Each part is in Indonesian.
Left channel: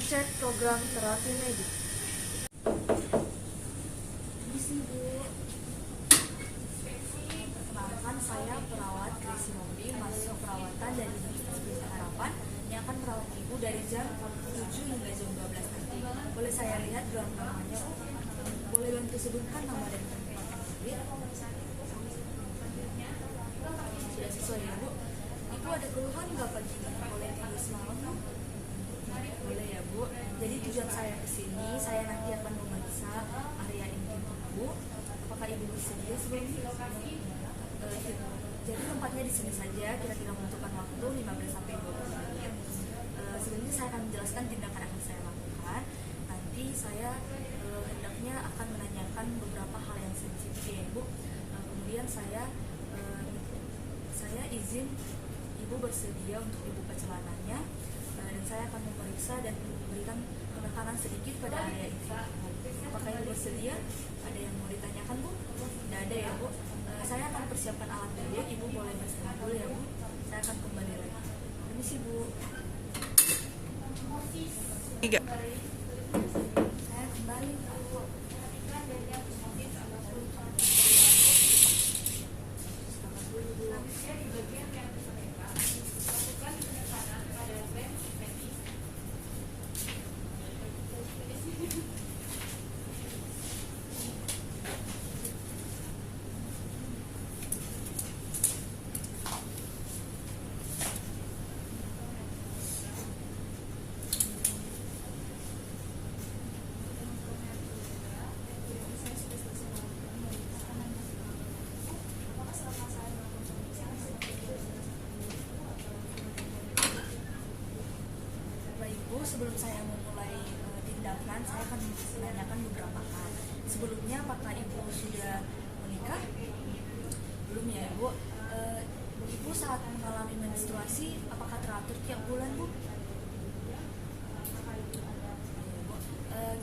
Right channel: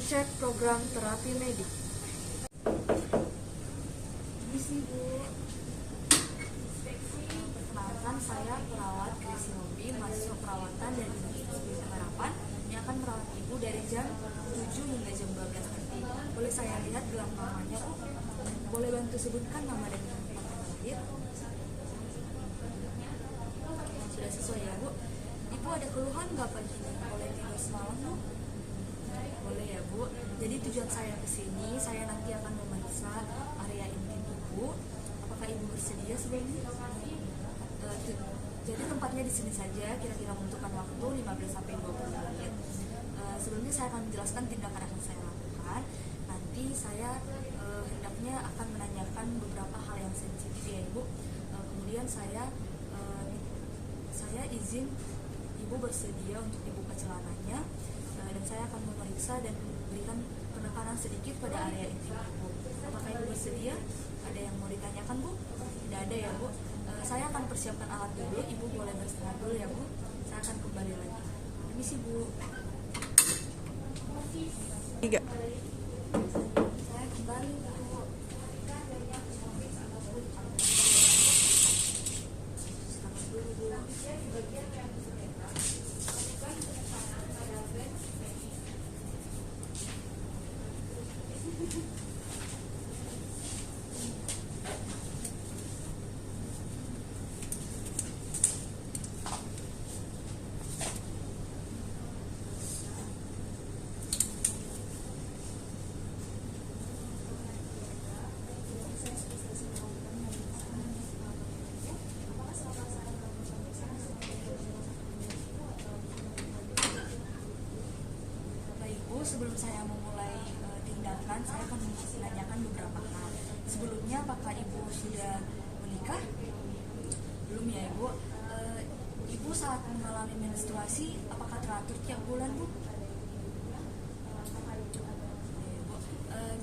mengecek program terapi medik. Misi Bu. Perkenalkan, saya perawat Gracie Nobi, mahasiswa perawatan dari Universitas Pelita Harapan yang akan merawat Ibu dari jam 7 hingga jam 12 nanti. Boleh saya lihat dalam namanya Bu? Boleh bantu sebutkan nama dan tempat yang hadir? Sudah sesuai ya Bu? Ibu ada keluhan nggak pagi ini? Boleh tidur semalam Bu? Boleh ya Bu. Jadi tujuan saya ke sini, saya nanti akan memeriksa area intim Ibu. Apakah Ibu bersedia sebelumnya? Jadi tempatnya di sini saja, kira-kira membutuhkan waktu 15 sampai 20 menit. Sebelumnya saya akan menjelaskan tindakan yang akan saya lakukan. Nanti saya hendaknya akan menanyakan beberapa hal yang sensitif ya Ibu. Kemudian saya izin Ibu bersedia untuk dibuka celananya, dan saya akan memeriksa dan memberikan penekanan sedikit pada area intim Ibu. Apakah Ibu bersedia? Ada yang mau ditanyakan Bu? Tidak ada ya Bu. Saya akan persiapkan alat dulu. Ibu boleh beristirahat dulu ya Bu. Saya akan kembali lagi. Permisi Bu. 3. Saya kembali Bu. Selamat dulu Bu. Sebelum saya memulai tindakan, saya akan menanyakan beberapa hal. Sebelumnya, apakah Ibu sudah menikah? Belum ya Ibu. Ibu saat mengalami menstruasi, apakah teratur tiap bulan Bu?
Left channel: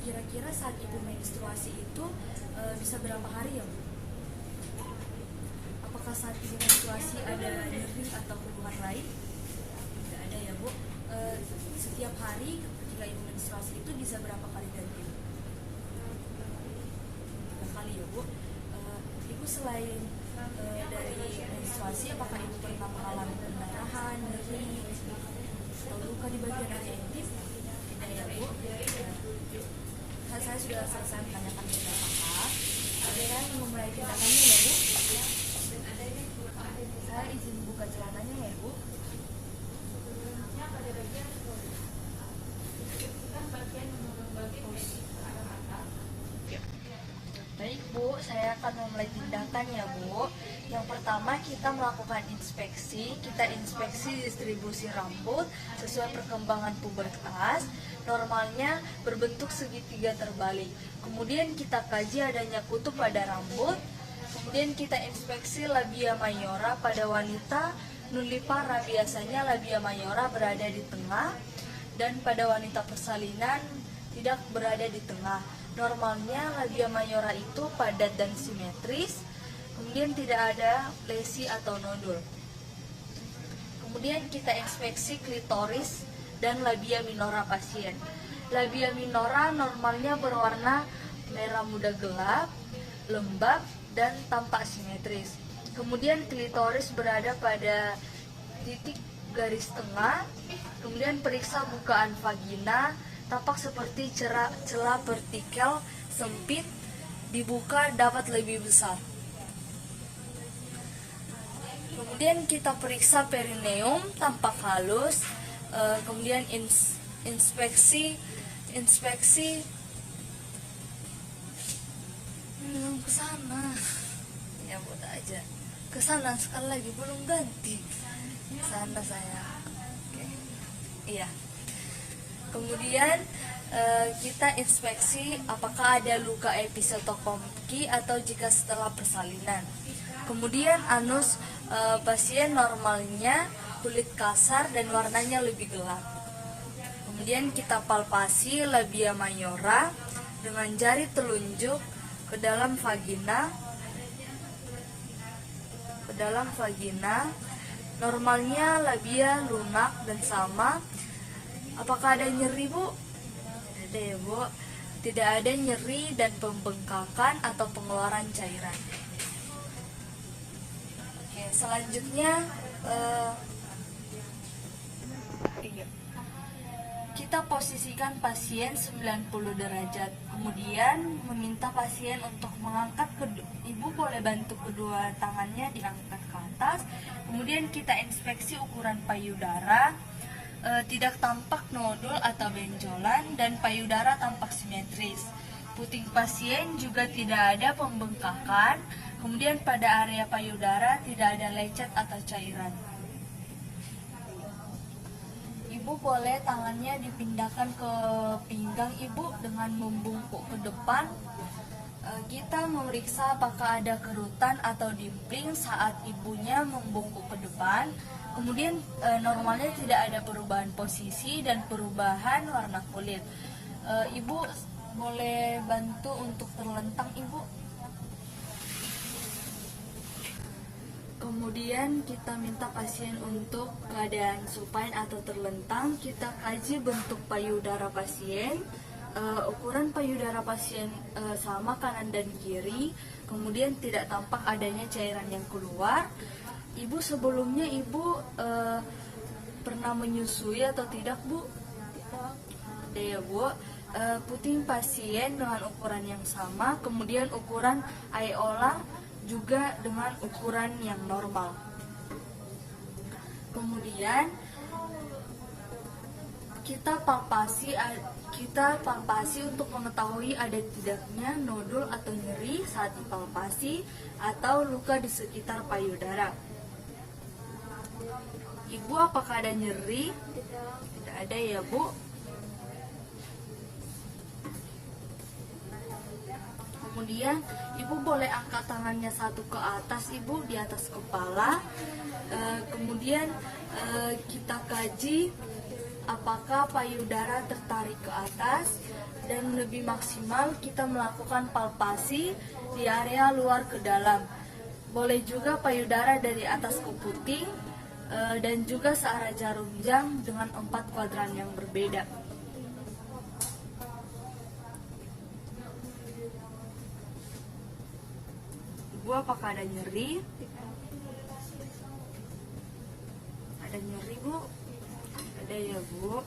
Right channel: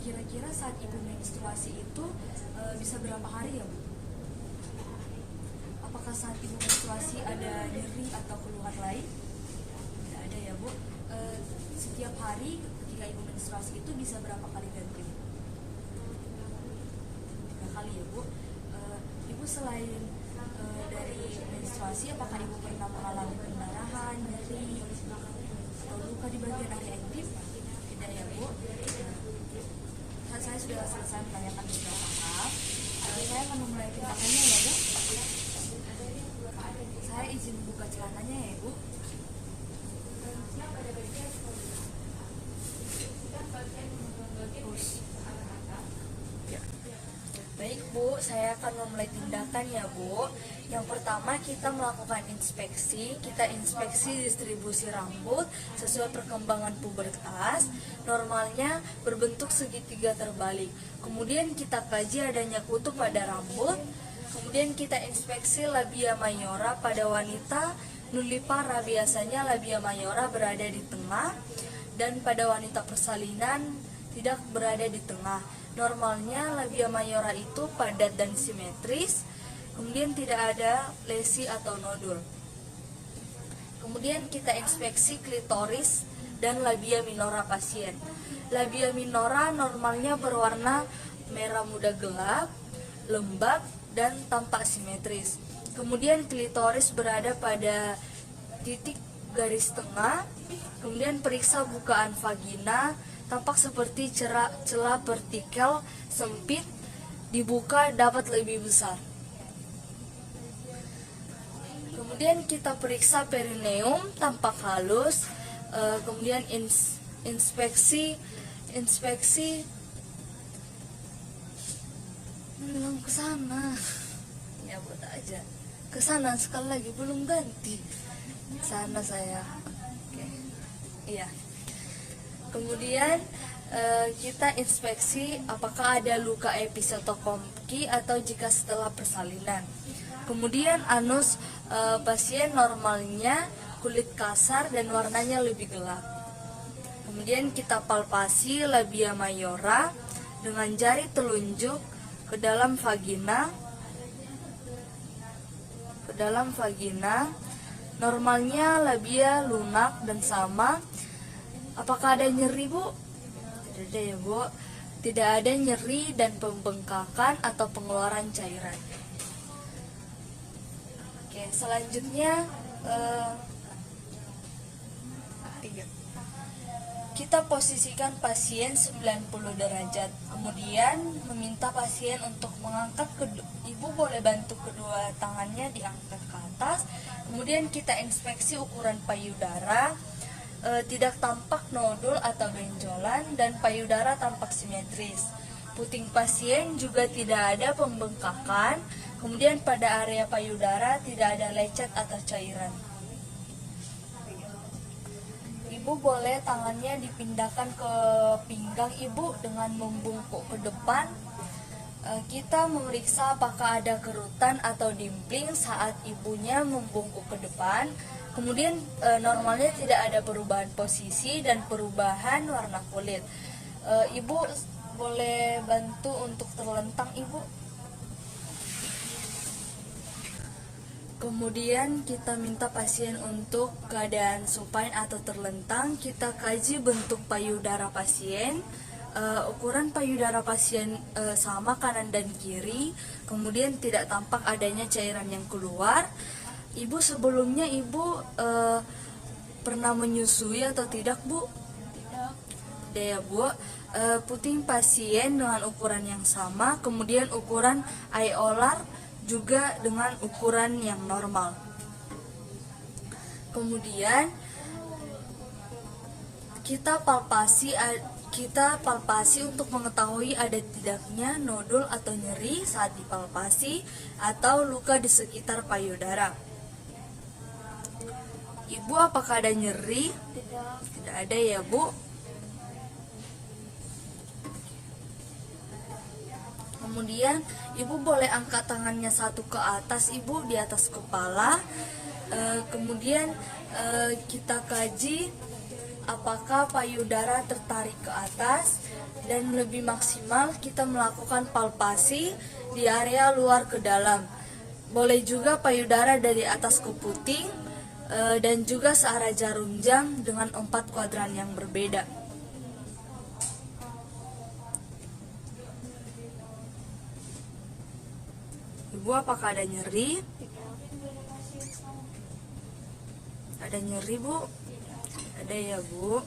Kira-kira saat Ibu menstruasi itu bisa berapa hari ya Bu? Apakah saat Ibu menstruasi ada nyeri atau keluhan lain? Tidak ada ya Bu. Setiap hari ketika Ibu menstruasi itu bisa berapa kali ganti? 3 kali ya Bu. Ibu selain dari menstruasi, apakah Ibu pernah mengalami pendarahan, nyeri, atau luka di bagian area intim? Tidak ya Bu. Saya sudah selesai menanyakan beberapa hal. Saya akan memulai tindakannya ya Bu. Saya izin buka celananya ya Bu. Baik Bu, saya akan memulai tindakan ya Bu. Yang pertama kita melakukan inspeksi. Kita inspeksi distribusi rambut sesuai perkembangan pubertas. Normalnya berbentuk segitiga terbalik. Kemudian kita kaji adanya kutu pada rambut. Kemudian kita inspeksi labia mayora pada wanita nullipara. Biasanya labia mayora berada di tengah, dan pada wanita persalinan tidak berada di tengah. Normalnya labia mayora itu padat dan simetris, kemudian tidak ada lesi atau nodul. Kemudian kita inspeksi klitoris dan labia minora pasien. Labia minora normalnya berwarna merah muda gelap, lembab, dan tampak simetris. Kemudian klitoris berada pada titik garis tengah. Kemudian periksa bukaan vagina, tampak seperti celah vertikal sempit, dibuka dapat lebih besar. Kemudian kita periksa perineum, tampak halus. Kemudian inspeksi belum ke sana. Ya buat aja. Ke sana sekali lagi belum ganti. Sana saya. Oke. Iya. Kemudian kita inspeksi apakah ada luka episiotokomiki atau jika setelah persalinan. Kemudian anus pasien normalnya kulit kasar dan warnanya lebih gelap. Kemudian kita palpasi labia mayora dengan jari telunjuk ke dalam vagina. Normalnya labia lunak dan sama. Apakah ada nyeri Bu? Ada deh Bu, tidak ada nyeri dan pembengkakan atau pengeluaran cairan. Oke, selanjutnya iya. Kita posisikan pasien 90 derajat. Kemudian meminta pasien untuk mengangkat ibu boleh bantu kedua tangannya diangkat ke atas. Kemudian kita inspeksi ukuran payudara. Tidak tampak nodul atau benjolan dan payudara tampak simetris. Puting pasien juga tidak ada pembengkakan. Kemudian pada area payudara tidak ada lecet atau cairan. Ibu boleh tangannya dipindahkan ke pinggang ibu dengan membungkuk ke depan. Kita memeriksa apakah ada kerutan atau dimpling saat ibunya membungkuk ke depan. Kemudian normalnya tidak ada perubahan posisi dan perubahan warna kulit. Ibu boleh bantu untuk terlentang ibu. Kemudian kita minta pasien untuk keadaan supine atau terlentang. Kita kaji bentuk payudara pasien. Ukuran payudara pasien sama kanan dan kiri. Kemudian tidak tampak adanya cairan yang keluar. Ibu sebelumnya ibu pernah menyusui atau tidak Bu? Tidak ya Bu. Puting pasien dengan ukuran yang sama. Kemudian ukuran areolar juga dengan ukuran yang normal. Kemudian kita palpasi untuk mengetahui ada tidaknya nodul atau nyeri saat dipalpasi atau luka di sekitar payudara. Ibu apakah ada nyeri? Tidak ada ya Bu. Kemudian ibu boleh angkat tangannya satu ke atas ibu, di atas kepala. Kemudian kita kaji apakah payudara tertarik ke atas, dan lebih maksimal kita melakukan palpasi di area luar ke dalam. Boleh juga payudara dari atas ke puting dan juga searah jarum jam dengan 4 kuadran yang berbeda. Ibu apakah ada nyeri? Ada nyeri Bu? Ada ya Bu.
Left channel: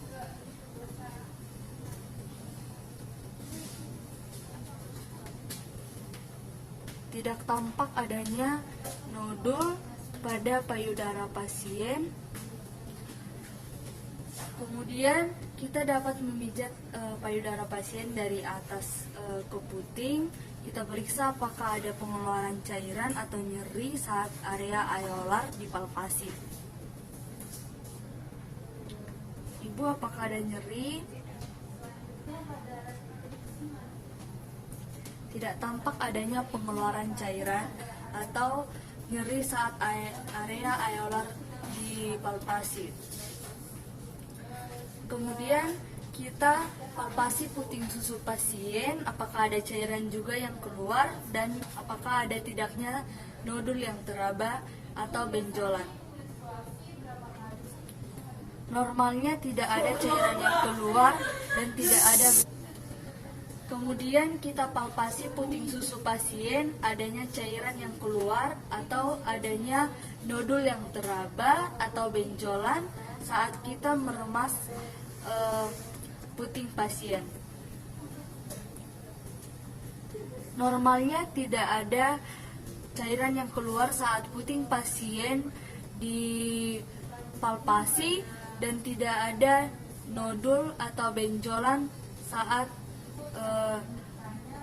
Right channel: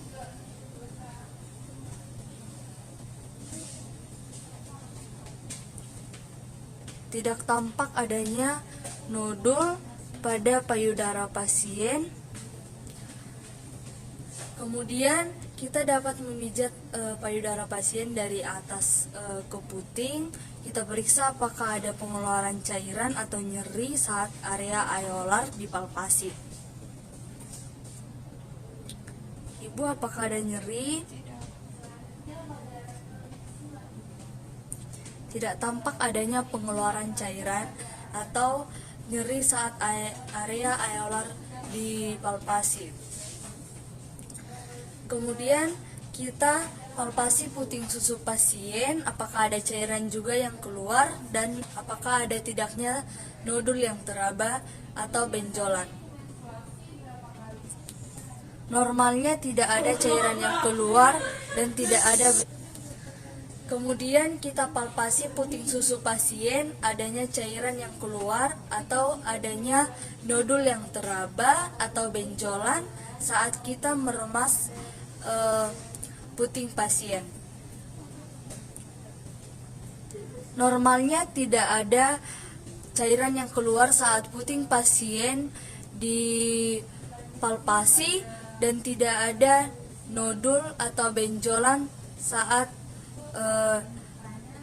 Tidak tampak adanya nodul pada payudara pasien. Kemudian kita dapat memijat payudara pasien dari atas ke puting. Kita periksa apakah ada pengeluaran cairan atau nyeri saat area areolar dipalpasi. Ibu apakah ada nyeri? Tidak tampak adanya pengeluaran cairan atau nyeri saat area areolar dipalpasi. Kemudian kita palpasi puting susu pasien, apakah ada cairan juga yang keluar dan apakah ada tidaknya nodul yang teraba atau benjolan. Normalnya tidak ada cairan yang keluar dan tidak ada. Kemudian kita palpasi puting susu pasien, adanya cairan yang keluar atau adanya nodul yang teraba atau benjolan saat kita meremas puting pasien. Normalnya tidak ada cairan yang keluar saat puting pasien dipalpasi dan tidak ada nodul atau benjolan saat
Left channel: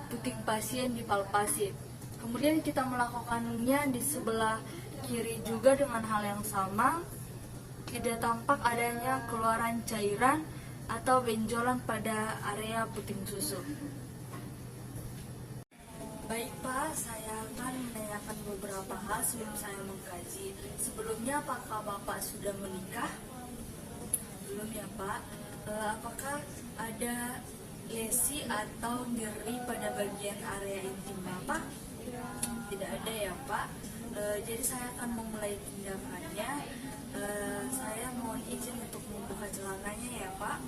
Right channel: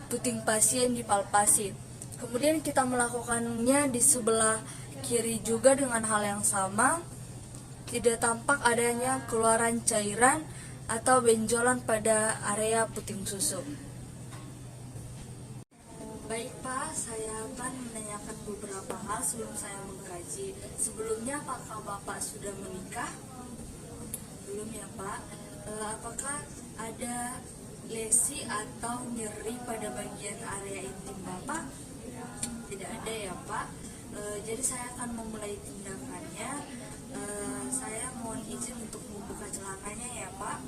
puting pasien dipalpasi. Kemudian kita melakukannya di sebelah kiri juga dengan hal yang sama. Tidak tampak adanya keluaran cairan atau benjolan pada area puting susu. Baik Pak, saya akan menanyakan beberapa hal sebelum saya mengkaji. Sebelumnya, apakah Bapak sudah menikah? Belum ya Pak. Apakah ada lesi atau nyeri pada bagian area intim Bapak? Tidak ada ya Pak. Jadi saya akan memulai tindakannya. Saya mohon izin untuk membuka celananya ya Pak.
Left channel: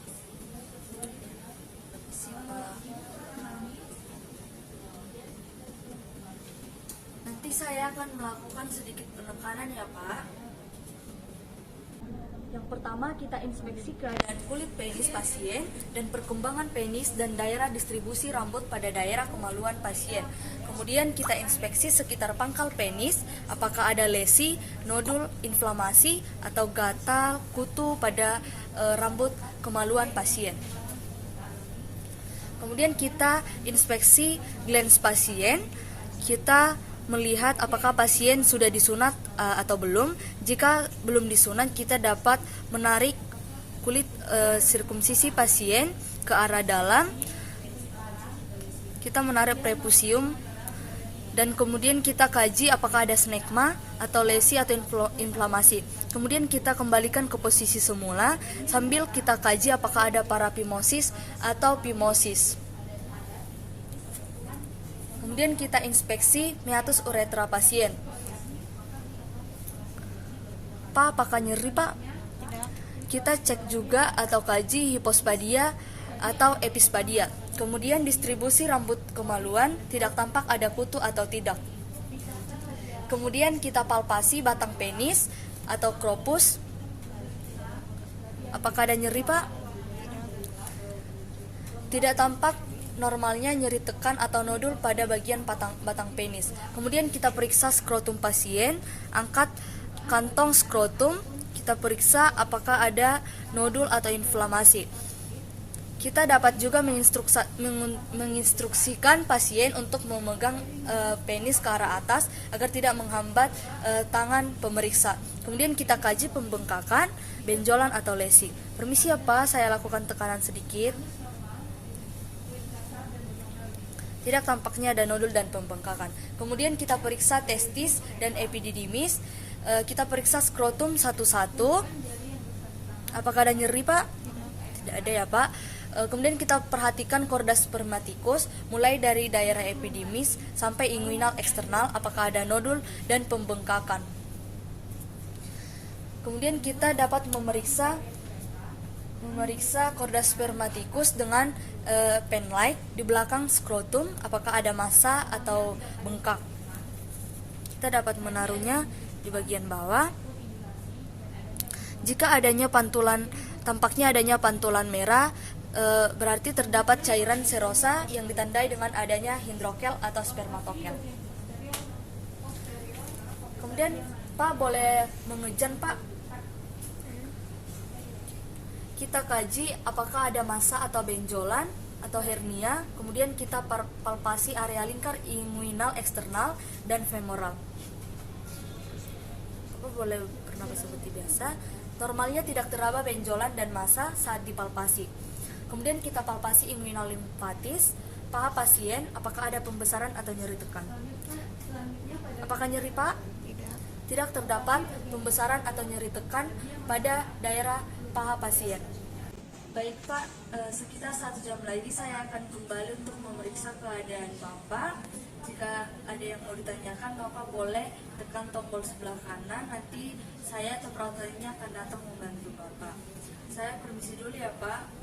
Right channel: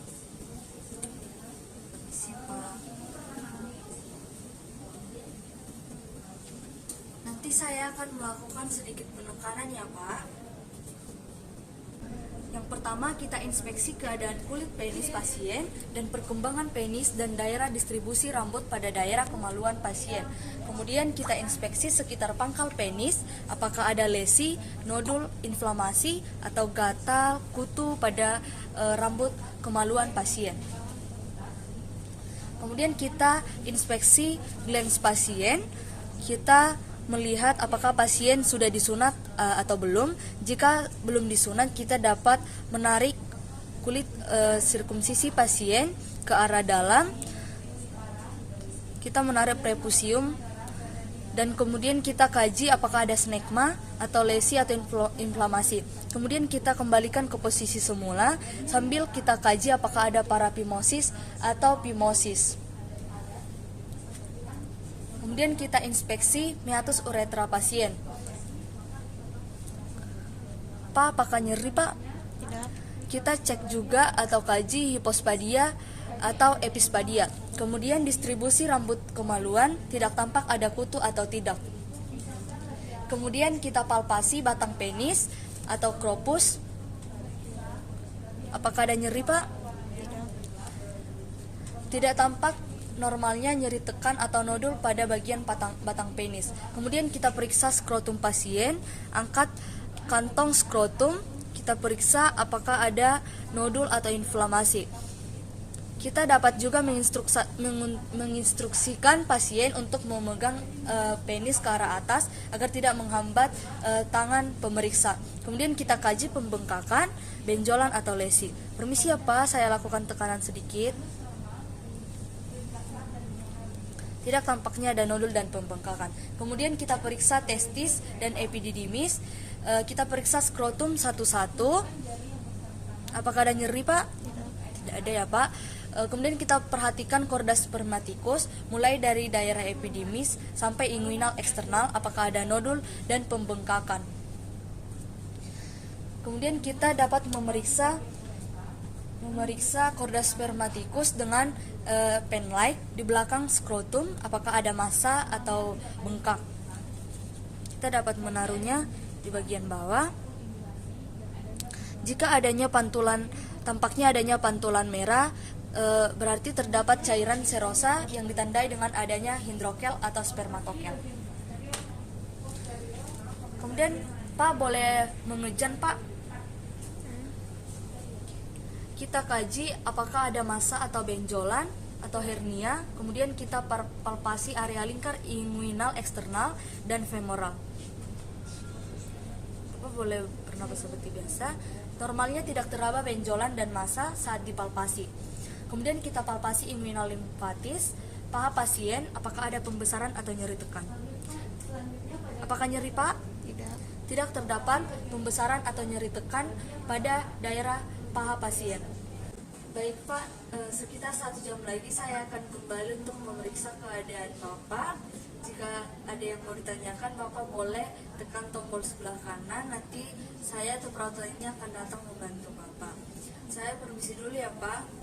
saya akan melakukan sedikit penekanan ya Pak. Yang pertama kita inspeksi keadaan kulit penis pasien dan perkembangan penis dan daerah distribusi rambut pada daerah kemaluan pasien. Kemudian kita inspeksi sekitar pangkal penis, apakah ada lesi, nodul, inflamasi, atau gatal, kutu pada rambut kemaluan pasien. Kemudian kita inspeksi glans pasien, kita melihat apakah pasien sudah disunat atau belum. Jika belum disunat, kita dapat menarik kulit sirkumsisi pasien ke arah dalam. Kita menarik prepusium dan kemudian kita kaji apakah ada snegma atau lesi atau inflamasi. Kemudian kita kembalikan ke posisi semula sambil kita kaji apakah ada parapimosis atau pimosis. Kemudian kita inspeksi meatus uretra pasien. Pak, apakah nyeri Pak? Tidak. Kita cek juga atau kaji hipospadia atau epispadia. Kemudian distribusi rambut kemaluan, tidak tampak ada kutu atau tidak. Kemudian kita palpasi batang penis atau scropus. Apakah ada nyeri Pak? Tidak tampak normalnya nyeri tekan atau nodul pada bagian batang penis. Kemudian kita periksa skrotum pasien, angkat kantong skrotum, kita periksa apakah ada nodul atau inflamasi. Kita dapat juga menginstruksikan pasien untuk memegang penis ke arah atas agar tidak menghambat tangan pemeriksa. Kemudian kita kaji pembengkakan, benjolan atau lesi. Permisi ya Pak, saya lakukan tekanan sedikit. Tidak tampaknya ada nodul dan pembengkakan. Kemudian kita periksa testis dan epididymis. Kita periksa skrotum satu-satu. Apakah ada nyeri Pak? Tidak ada ya Pak. Kemudian kita perhatikan korda spermaticus mulai dari daerah epididymis sampai inguinal eksternal. Apakah ada nodul dan pembengkakan. Kemudian kita dapat memeriksa korda spermaticus dengan pen light di belakang skrotum, apakah ada massa atau bengkak. Kita dapat menaruhnya di bagian bawah. Jika tampaknya adanya pantulan merah, berarti terdapat cairan serosa yang ditandai dengan adanya hidrokel atau spermatokel. Kemudian Pak boleh mengejan Pak. Kita kaji apakah ada massa atau benjolan atau hernia. Kemudian kita palpasi area lingkar inguinal eksternal dan femoral. Bapak boleh bernapas seperti biasa. Normalnya tidak teraba benjolan dan massa saat dipalpasi. Kemudian kita palpasi inguinal limfatis, paha pasien, apakah ada pembesaran atau nyeri tekan. Apakah nyeri Pak? Tidak. Tidak terdapat pembesaran atau nyeri tekan pada daerah paha pasien. Baik Pak, sekitar 1 jam lagi saya akan kembali untuk memeriksa keadaan Bapak. Jika ada yang mau ditanyakan, Bapak boleh tekan tombol sebelah kanan. Nanti saya atau perawatnya akan datang membantu Bapak. Saya permisi dulu ya Pak.